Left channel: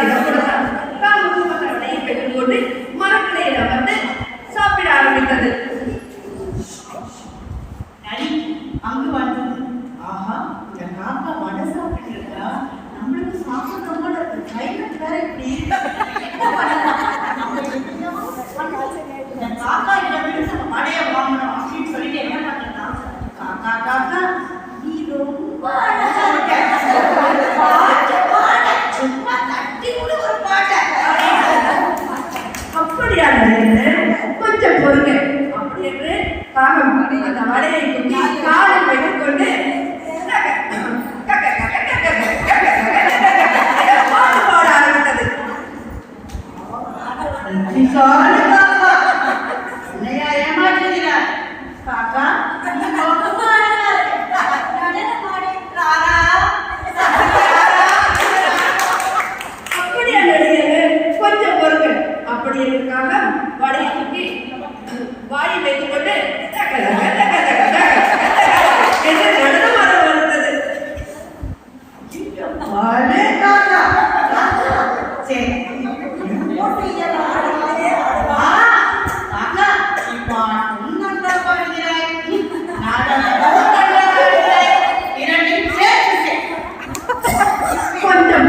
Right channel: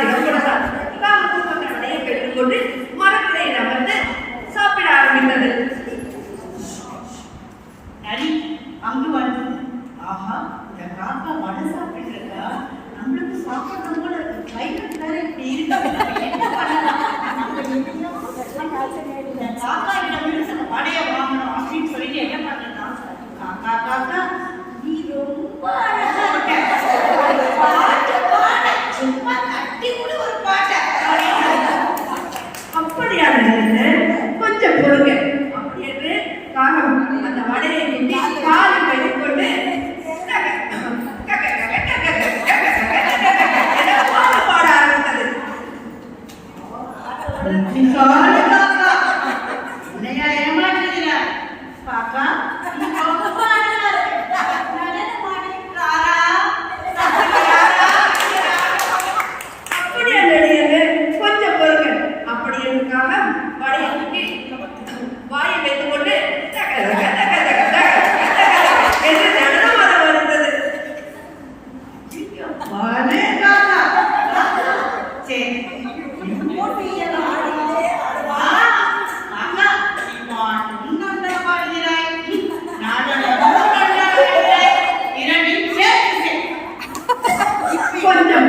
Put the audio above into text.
திடப்படுறார். தாமும் அந்த வடையை பெற்றுக்கொண்டு மரக்கிளையில வந்து சாப்பிட ஆரம்பித்தது. நரி அங்கு வந்து, ஆஹா, இந்த காக்கா வடை சாப்பிட்டு இருக்கா, நம்மளுக்கு சாப்பிடணும் போல இருக்கு. கிளைமேட் வேற இப்படி இருக்கு, என்ன பண்ணலாம்? இந்த காக்கா இடமிருந்து நம்ம வடையை வாங்கணும் அப்படின்னு சொல்லிட்டு என்ன பண்ணலாம்? காக்கா காக்கா, நீ ரொம்ப அழகா இருக்க, ஒரு பாட்டு பாட, சும்மா தட்டி விடு ஒரு பாட்டை. அப்படியான கொஞ்சம் பொறுங்க அப்படி என்று காகம் அந்த வடையை குட்டி காலில் வைத்துக் கொண்டு பாட ஆரம்பித்தது. என்னையா ஏமாற்றுகிறார்? காக்கா, நீ ரொம்ப அழகா இருக்க, நடன பாடு, ராரா அப்படியான கொஞ்சம் பொறுங்க அப்படி என்றுக்காக வடையை குட்டி வாயை வைத்துக் கொண்டு என்று நடனமாக வருகிறது. சரி, கொஞ்சம்